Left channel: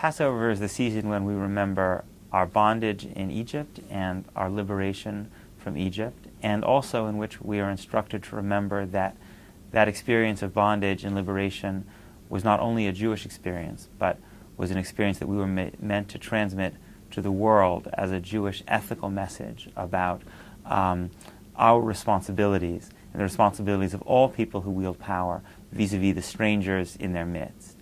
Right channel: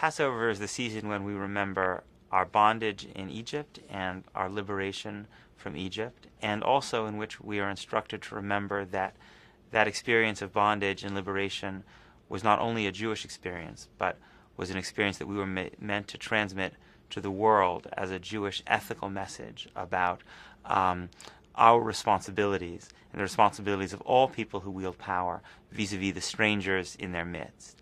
Passover is the season when we remember our bondage in Egypt and our liberation from Egypt, and also in which we are instructed to remember that that experience of bondage and liberation was not only a Jewish experience, but was an experience that we were meant to transmit to the world as a Jewish ethical message about our responsibilities and the responsibilities of all people who wield power vis-a-vis the strangers in their midst.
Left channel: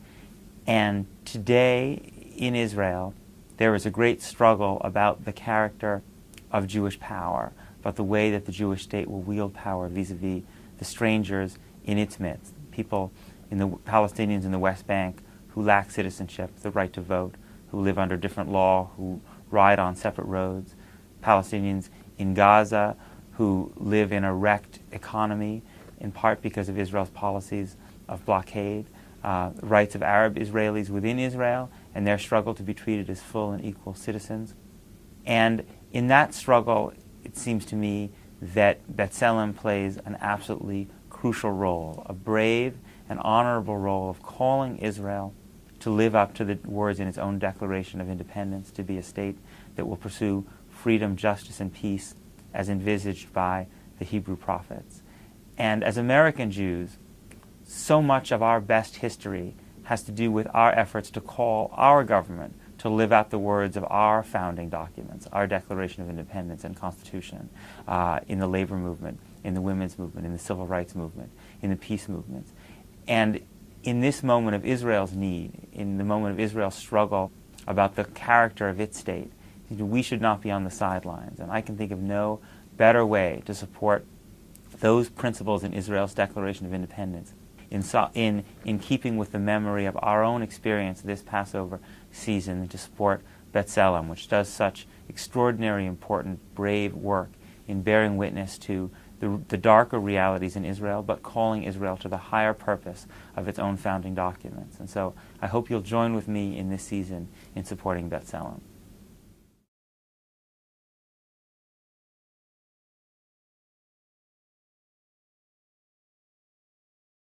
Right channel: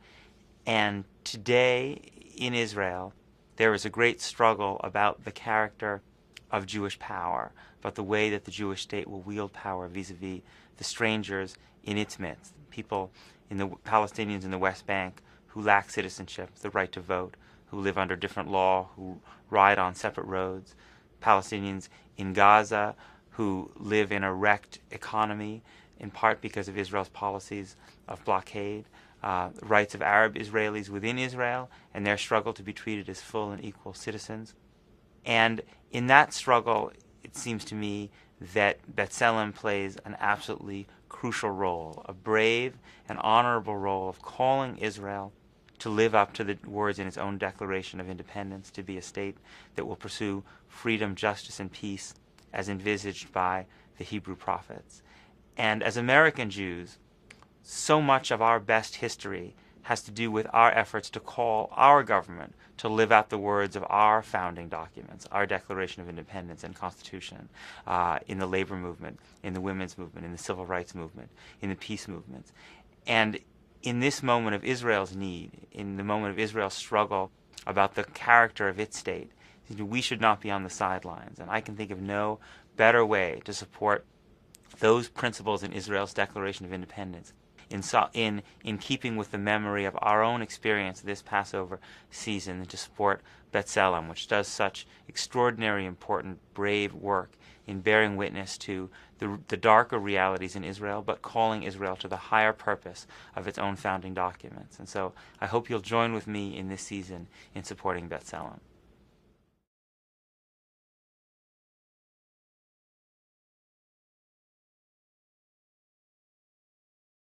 And today in Israel, there is a great struggle about the character of Jewish power, about the way that the Jewish state will wield power vis-a-vis the strangers in its midst, people in the Palestinians in the West Bank who lack citizenship, the right to vote, who live under different law, who ride on separate roads, Palestinians in Gaza who live in a wrecked economy, in part because of Israel's policies of blockade, rights of Arab Israelis within Israel, and their struggle to be treated as full and equal citizens. And in that struggle, it seems to me that B'Tselem plays an absolutely crucial role, a brave and honorable role of calling Israel to live up to the words in its own Declaration of Independence, to be a state that will pursue freedom, justice, and peace as envisaged by the Hebrew prophets. And as American Jews, so much of our best history has to do with our efforts to call our government to live out the words of our founding documents, our Declaration of Independence and Constitution, in the labor movement, in the women's movement, in the civil rights movement, in the peace movements. And in this moment of Israel's need, in the moment of Israel's struggle about the character of its state, we should not be on the sidelines. And I can think of no better way to support those principles in Israel's Declaration of Independence in keeping with the memory of our own experience this Passover season, to support B'Tselem, which does such extraordinary, important, brave work in bearing witness to the darker realities in Israel, but calling Israel to the higher purpose of its own founding documents. And so I hope you'll join with me in this season in supporting B'Tselem.